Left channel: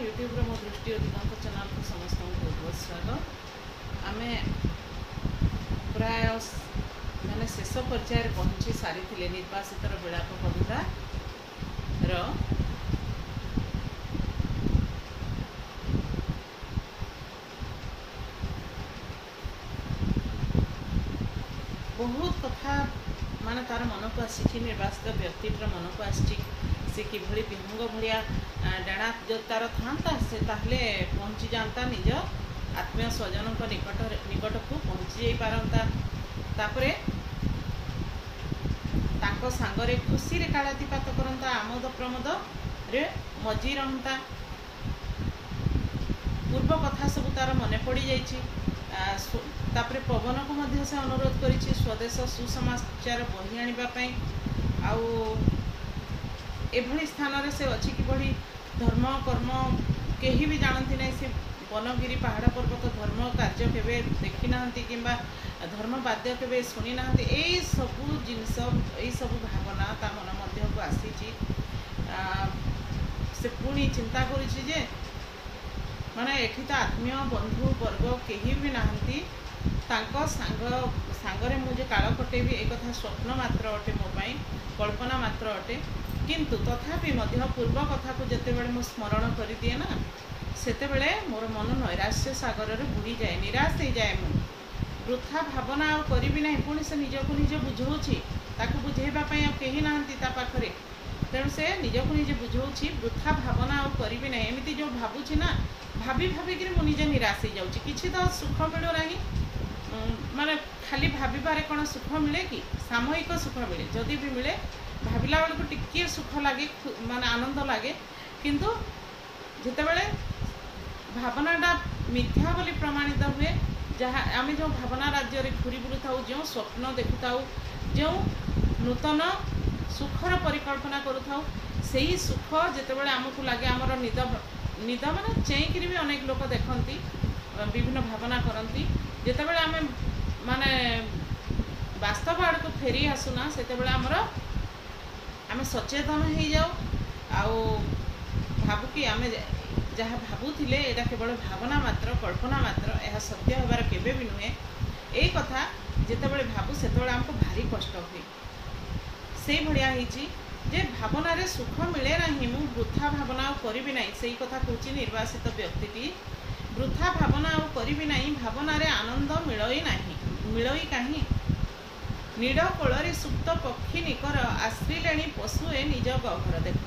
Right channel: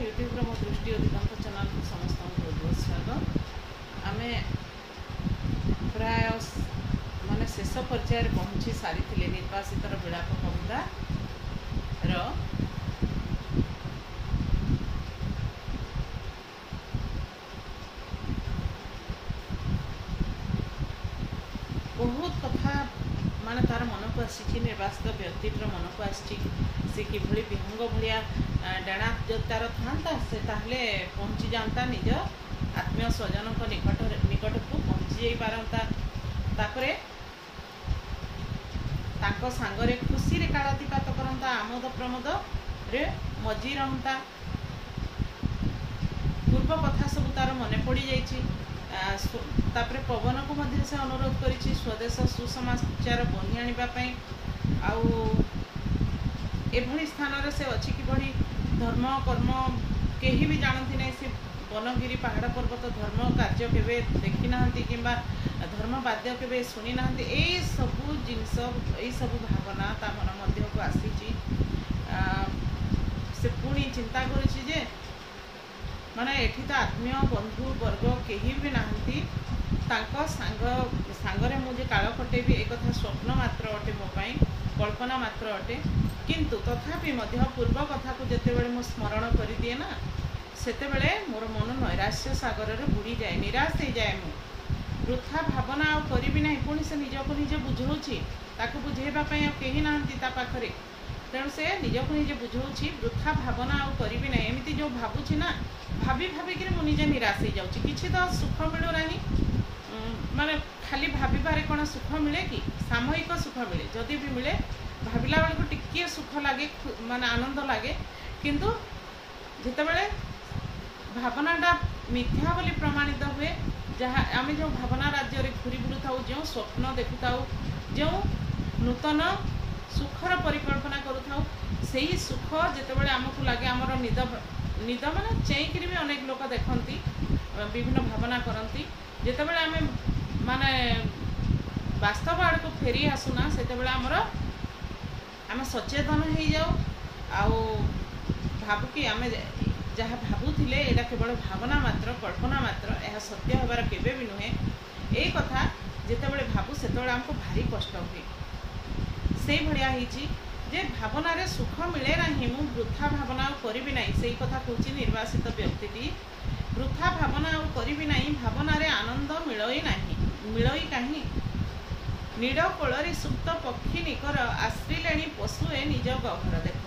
YouTube मो दृष्टि अधिकांश चैनल को समस्त बहुत बहुत स्वागत। आम प्राय माने शेष पर्यायर पहुँची सारी निर्वासित विलाप कविता बहुत कथा माने तार मन को आसी निर्वासित व्यक्तिर मन को आसी से किभली विहंग भाया डाणा जब तार था से ताहले पहुँची जाता निज आत्मीय स्वजन निकट को पहुँची जा पारता तापरे तांको सांगरे खुशी रे कालातीपात करता आमोद प्रमोद रे मजी रहता पूर्व कथा सब तार मन पड़ी जाइछि। तापरे पवन को मध्य से अनुरोध करिछि स्वदेश सुसमाचार बही आनिबा पई आउ एभली स्थान रे से अछि कि बड़ी धर्म कर्म केही भी जानती नहीं से वनगिरी पहाड़ पर्वत धर्म कार्य केबे देखी नाहंती किंबा धर्म वाद्य केबे सुनी नाहंती ए सबु जिनस ए सबु भावना ता मन मध्य को आसीछि। से पुणी चिंता करिछि जे माने एठी तो आत्मीय बंधु वर्ग केही भी नाहंती तांको सांगरे मुझे काल कटेबी एक कथा स्वप्न मात्र अटे मो पाई कल्पना मात्र अटे किंतु तथापि मध्य पूर्व कथा को जिते बड़े मो स्मरण कर दिए ना सेते बड़े मोर मन नैराश्य सागर रे बुड़ी जाए निराश हो जाए मु वृथा भावना आ करी ना पुणी से निजक निज बुझाऊँगी ताकू बुझेबा पई आ केही नाहंती ता पाखरे तेणु से निजक निजे बुझाऊँगी वृथा भावना आ करी ना एमती जो भावुची ना भाभी भाविक मु निजे निराश हो जाऊँगी किसी तो सुख मिलू ना माने खाली भाविबारे कौन सुख मिले कि सामयिक सुख मिले जदि भी मिले भाविला बेल को टिके सुख लगे माने आनंद लगे किंतु जिते बड़े भावनाटा मिथ्या बोली प्रमाणित हुए जहाँ आम जो भावना राज्य रे घूरी बुलू था जो स्वप्न देखु था जो नूतन सुखर परिकल्पना करू था से ही सुख जिते बड़े आमको लगे आमर निद निद माने चेईकरी भी अनेक लोक देखती विभिन्न भावना करती जिते बड़े आम माने वास्तव आड़ को फेरी आसुना से आमर आम सचेतन हो जाऊ आउ भावु कि आम जहाँ भावुले यहाँ केवल भावना मात्र कल्पना मात्र यह सत्य होबार केबे भी नुहे यही कथा जितेबाला भावु से आमको भारी कष्ट हुए से भाया जे भावना रे सुख मिले ना मु वृथा भावना करी ना से कथा कहूँ निर्वासित व्यक्ति वृथा भावना करी ना भावना रे आनंद मिलई ना मिलई कहीं नीड़ कोल सुप्त पक्षी निकर आश्रिले पशुए निज गहर देख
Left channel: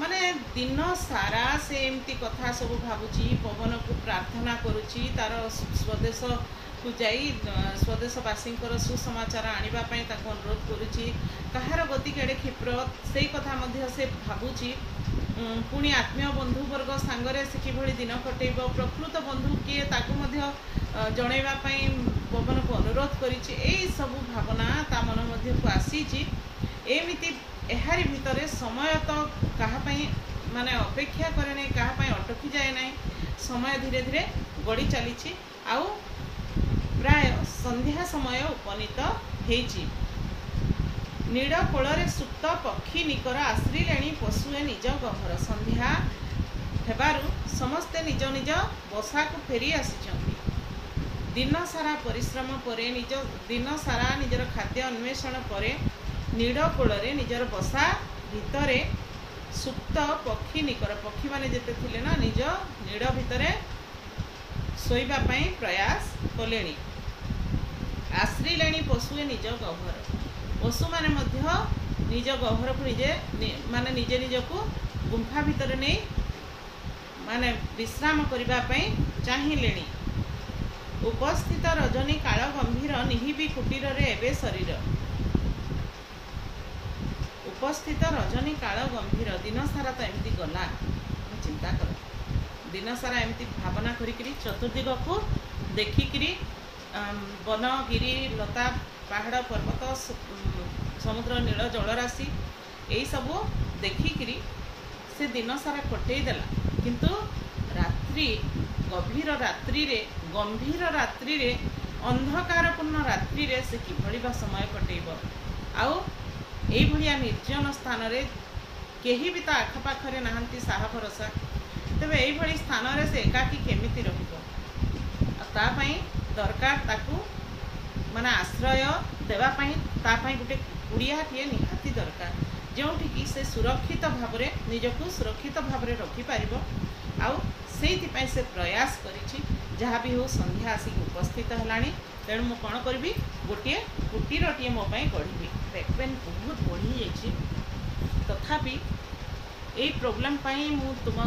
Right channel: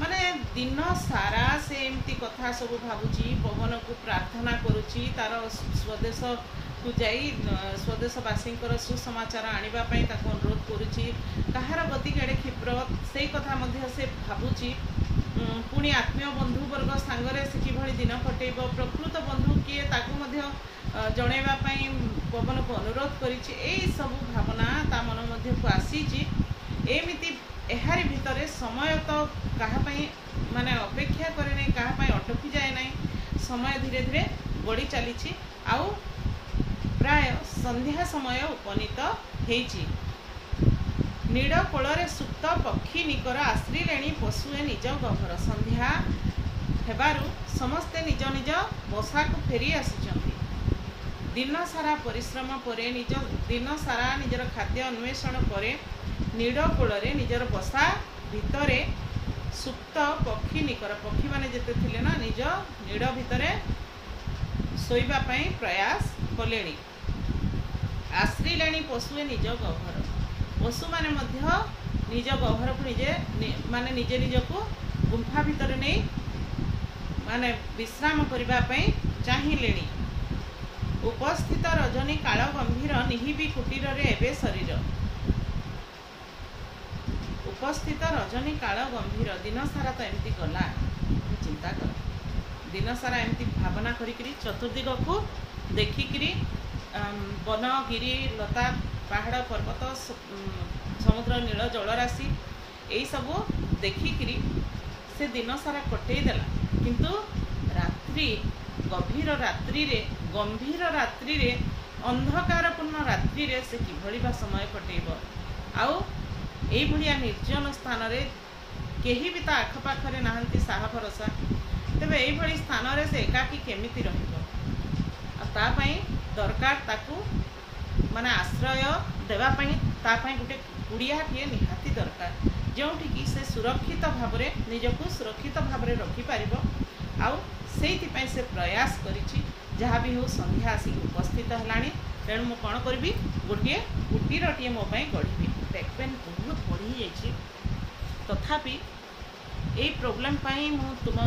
माने दिन सारा से एमती कथा सब भावुची पवन को प्रार्थना करुची तार स्वदेश को जाई स्वदेशवासी सुसमाचार आनिबा पई ताको अनुरोध करुची कहार गति केड़े क्षिप्र से कथा मध्य से भावुची पुणी आत्मीय बंधु वर्ग सांगरे से किभली दिन कटेब प्रकृत बंधु किए ताको मध्य जणैबा पई पवन को अनुरोध करिछि एई सब भावना ता मन मध्य को आसीछि एमिति एहारी भितरे समय तो कहापाई माने अपेक्षा करे नहीं कहापाई अटकी जाए नहीं समय धीरे धीरे गड़ी चली आउ प्राय संध्या समय उपनीत हेची नीड़ कोल सुप्त पक्षी निकर आश्रिले पशुए निज गहर संध्या हेबारु समस्ते निज निज बसा को फेरी आसी दिन सारा परिश्रम परे निज दिन सारा निजर खाद्य अन्वेषण परे नीड़ कोल निजर बसा भितरे सुप्त पक्षी निकर पक्षी माने जेते थिले ना निज नीड़ भितरे सोइबा पई प्रयास कलेनी आश्रिलेनी पशुए निज गहर पशु माने मध्य निज गहर को निजे माने निजे निज को गुंफा भितर नहीं माने विश्राम करबा पई चाहिलेनी उपस्थित रजनी काल गंभीर निहिबी कुटीर रे एबे शरीर उपस्थित रजनी काल गंभीर दिन सारा तो एमती गला चिंता कर दिन सारा एमती भावना करी चतुर्दिग को देखिकी वन गिरी लता पहाड़ पर्वत समुद्र नील जलराशि यही सब देखिकी से दिन सारा कटे देला किंतु रात्रि गंभीर रात्रि रे अंधकारपूर्ण रात्रि रे से किभली बा समय कटेब आउ एई भलिया निर्जन स्थान रे केही भी ता आखपाखरे नाहंती साहा भरोसा तेबे एई भली स्थान रे से एकाकी केमिति रहिबो ता पई दरकार ताकू माने आश्रय देवा पई ता पई गुटे कुड़ियाटिए निहाती दरकार जोठिकी से सुरक्षित भाव में निजक सुरक्षित भाव में रखिपर आउ से प्रयास करिछि जहाँ भी हो संध्या आसिक उपस्थित है तेणु मु कौन करी गोटे कुटीरटीए मो गढ़ी बैक पेन बहुत बढ़ी जाइए तथापि यही प्रोब्लेम मु तुम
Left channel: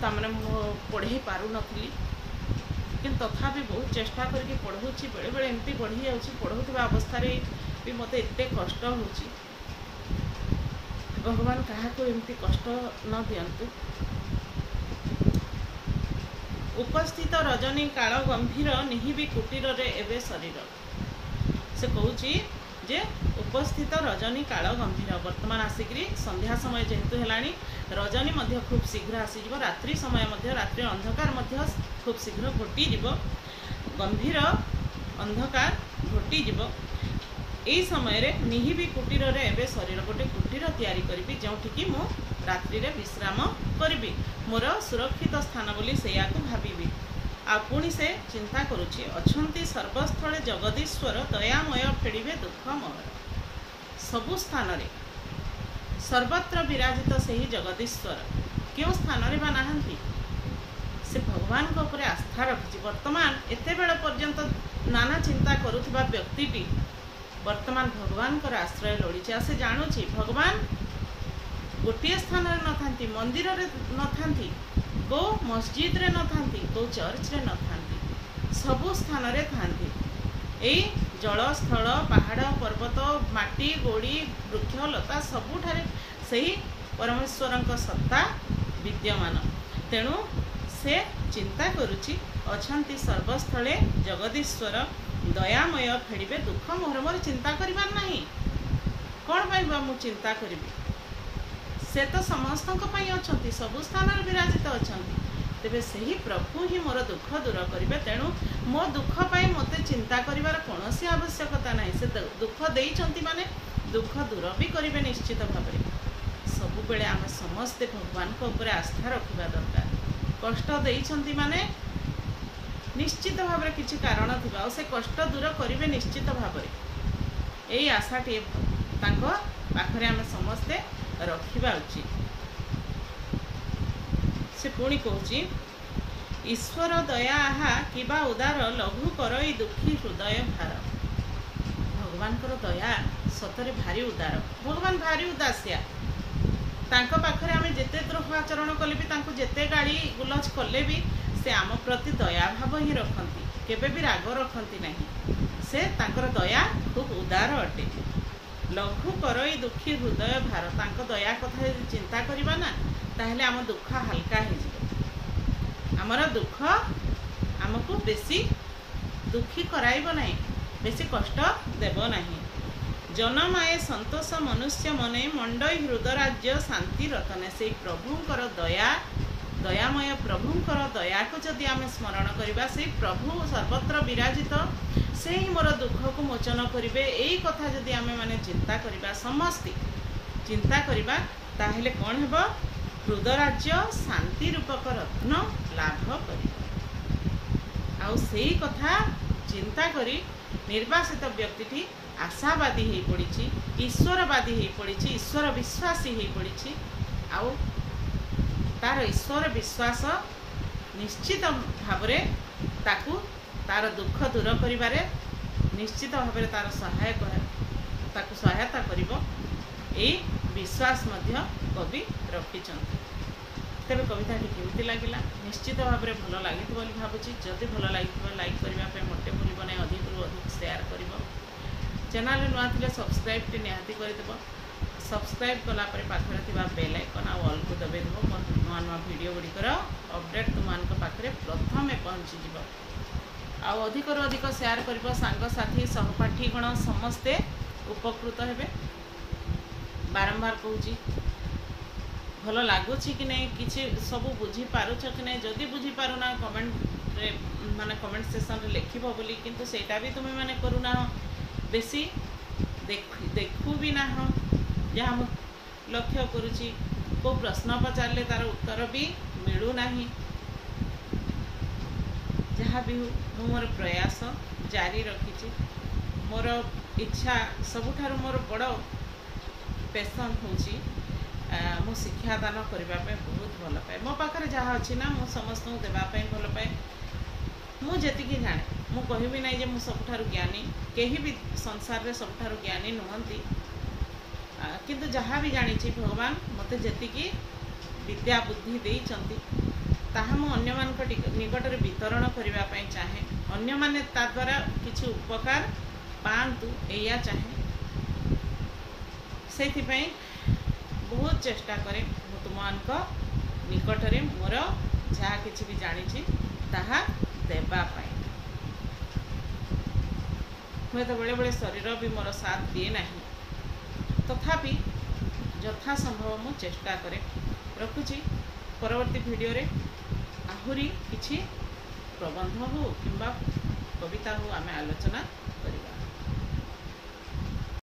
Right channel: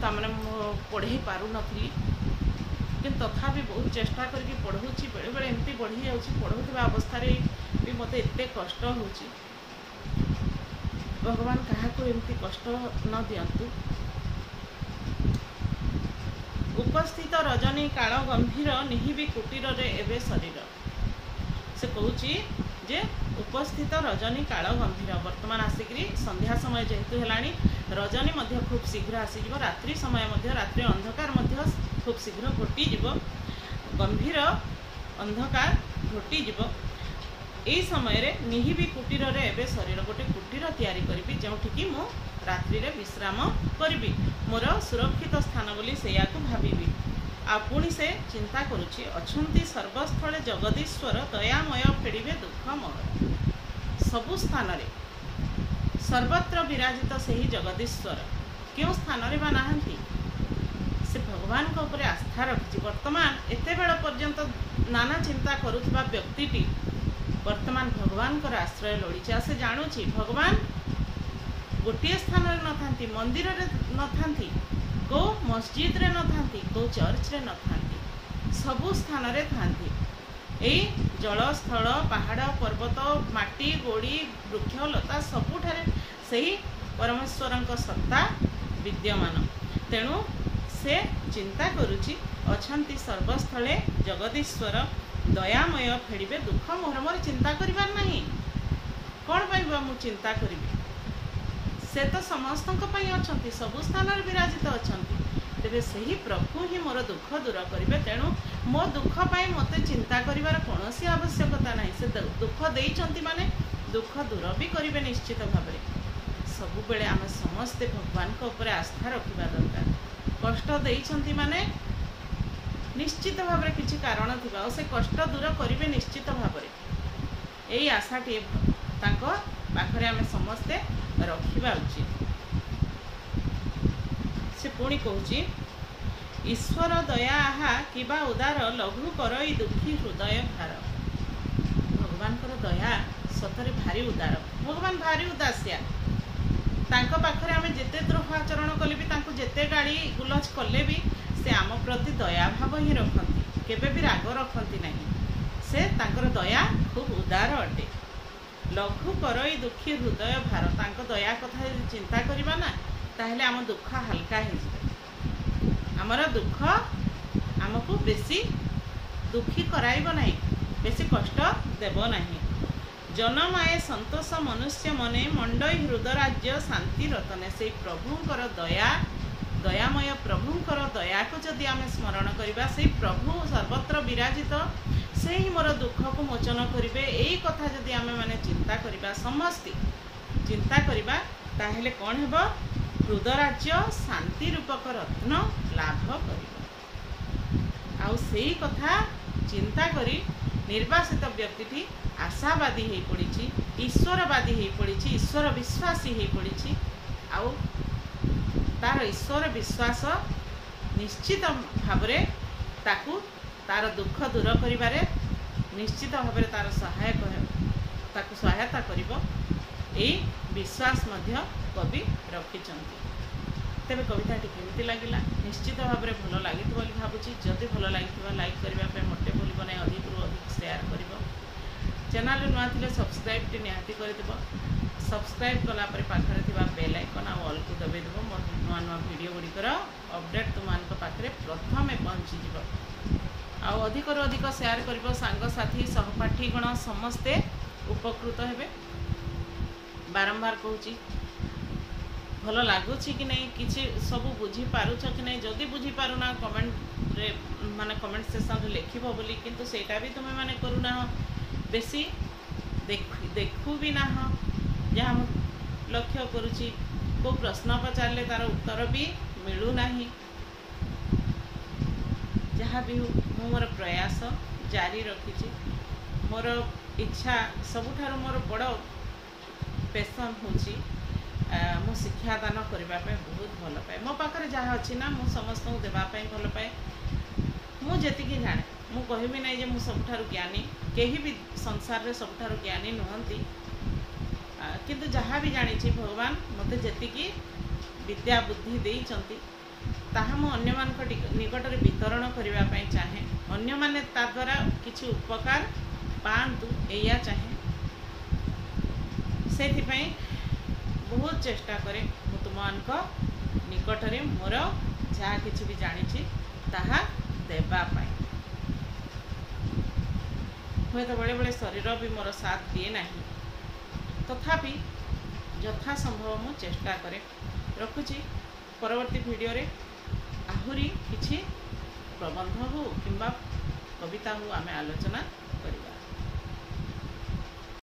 तमाने पढ़े पार नी कि तथापि बहुत चेष्टा करके पढ़ाऊँगी बेले बेले एमती बढ़ी जाऊँगी पढ़ाऊा अवस्था भी मत एत कष्ट हो भगवान क्या एमती कष्ट न दियंतु। उपस्थित रजनी काल गंभीर निहिबी कुटीर रे एवं शरीर से कहूँ जे उपस्थित रजनी काल गंभीर वर्तमान आसिक संध्या समय जेहेतु है रजनी मध्य खूब शीघ्र आसीज रात्रि समय मध्य रात्रि अंधकार मध्य खूब शीघ्र घोटीज गंभीर अंधकार घोटीज यही समय रे निहिबी कुटीर रे एवं शरीर गोटे कुटीर तैयारी करी जोठिकी मु रात्रि रे विश्राम करी मोर सुरक्षित स्थान बोली से भावी आ पुणी से चिंता करुछि अछंती सर्वस्थले जगदीश्वर दयामय फेड़िबे दुख मोहर सबु स्थान रे सर्वत्र विराजित सही जगदीश्वर क्यों स्थान रे बा नाहंती से भगवान को ऊपर आस्था रखिछि वर्तमान एते बेल पर्यंत नाना चिंता करुथिबा व्यक्तिटी वर्तमान भगवान कर आश्रय लोड़ी से जानुछि भगवान गोटे स्थान रे न थांती मंदिर रे न थांती को मस्जिद रे न थांती को चर्च रे न थांती सबु स्थान रे थांती एई जल स्थल पहाड़ पर्वत माटी गोड़ी वृक्ष लता सबुठारे सही परमेश्वरंक सत्ता विद्यमान तेणु से चिंता करुछि अछंती सर्वस्थले जगदीश्वर दयामय फेड़िबे दुख मोहर मोर चिंता करिबार नहीं कौन पाइबा मु चिंता करिबी से तो समस्तों अच्छा सबु स्थान विराजित अच्छा तेरे से ही प्रभु ही मोर दुख दूर करेंगे तेणु मो दुख पाई मत चिंता करिवार कौन सी आवश्यकता नहीं से दुख देइचंती माने दुख दूर भी करेंगे निश्चित भाव में सबु बेले आम समस्ते भगवान को ऊपर आस्था रखा दरकार कष्ट देइचंती माने निश्चित भाव में किसी कारण थिबा से कष्ट दूर करेंगे निश्चित भाव में यही आशाटी पाखरे आम समस्ते रखा उचित से पुणी कहूँ ईश्वर दया आहा किबा उदार लघु करई दुखी हृदय भार भगवान कर दया सतरे भारी उदार भगवान भारी उदासिया तांको पाखरे आमे जेते द्रोह आचरण कले भी तांको जेते गाड़ी गुलज कले भी से आम प्रति दया भाव ही रखती केबे भी राग रखती नहीं से तांकर दया खूब उदार अटे लघु करई दुखी हृदय भार तांको दया कथा चिंता करबा ना ताहले आम दुख हल्का हो आमर दुख आमको बेसी दुखी कराइब नहीं बेसी कष्ट देव नहीं जनमाए संतोष मनुष्य मने मंडई हृदराज्य शांति रतने से प्रभुंकर दया दयामय प्रभुंकर दया को जदि आम स्मरण करबा से प्रभु सर्वत्र विराजित से ही मोर दुख को मोचन करेंगे यही कथा जदि आम माने चिंता करबा समस्ते चिंता करबा ताहेले कौन हेबो हृदराज्य शांति रूपक रत्न लाभ कर आउ से कथा चिंता करी निर्वासित व्यक्ति आशावादी हो पड़ी ईश्वरवादी हो पड़ी ईश्वर विश्वासी हो पड़ी आउ तार ईश्वर विश्वास निश्चित भाव ताकू तार दुख दूर करिबारे निश्चित भाव तार सहायक ताकू सहायता करिबो एई विश्वास मध्य कवि रखिंट तेरे कविताटी केमिति लगिला निश्चित भाव में भल लगी भावुची जदि भल लगी लाइक करने मोटे भूल ना अधिक रु अधिक शेयर कर चैनल नुआ थे सब्सक्राइब निहाती करदेव सब्सक्राइब कलापर पाखरे थिबा बेल आइकन आ ऑल को दबेदेव मोर नुआ नुआ वीडियो गुड़िकर अपडेट तुम पाखे प्रथम पहुँचीज आ अधिक रु अधिक शेयर कर सांगसाथी सहपाठीगण समस्ते उपकृत हेबे बारंबार कहूँ भल लगुच कि नहीं किसी सब बुझी पारुछ कि नहीं जदि बुझी पारुना कमेंट रे माने कमेंट सेक्शन रे लिखिबो बोली किंतु सेटा भी तुमे माने करूना बेसी देखू भी ना जहाँ मु लक्ष्य करुची को प्रश्न पचारे तार उत्तर भी मिलूना। जहाँ भी हो मोर प्रयास जारी रखी। मोर इच्छा सबुठारु मोर बड़ पैशन होची मु शिक्षादान करने बहुत भल पाए। मो पाखे जहाँ अच्छी ना मु समस्त देवाई भल पाए। मु जी जाने मु कहबी ना मु सबुठारु ज्ञानी, कहीं भी संसार रे सबुठारु ज्ञानी नुहंती, किंतु जहाँ भी जानी भगवान मते जतिकी विद्या बुद्धि देइचंती ताहा मु अन्य मान निकट में वितरण करने चाहे। अन्य माने ता द्वारा किछि उपकार पांतु एया चाहे। से बहुत चेष्टा करे मु तुमको निकट में मोर जहाँ किछि भी जानी ताहा देबा पाई। हुए तो बड़े बड़े शरीर भी मोर साथ दिए नहीं, तथापि यथा संभव मु चेष्टा करे। रखुची परवर्ती वीडियो रे आहुरी किछि प्रबंध हो किंबा कविता हो आमे आलोचना करिबा।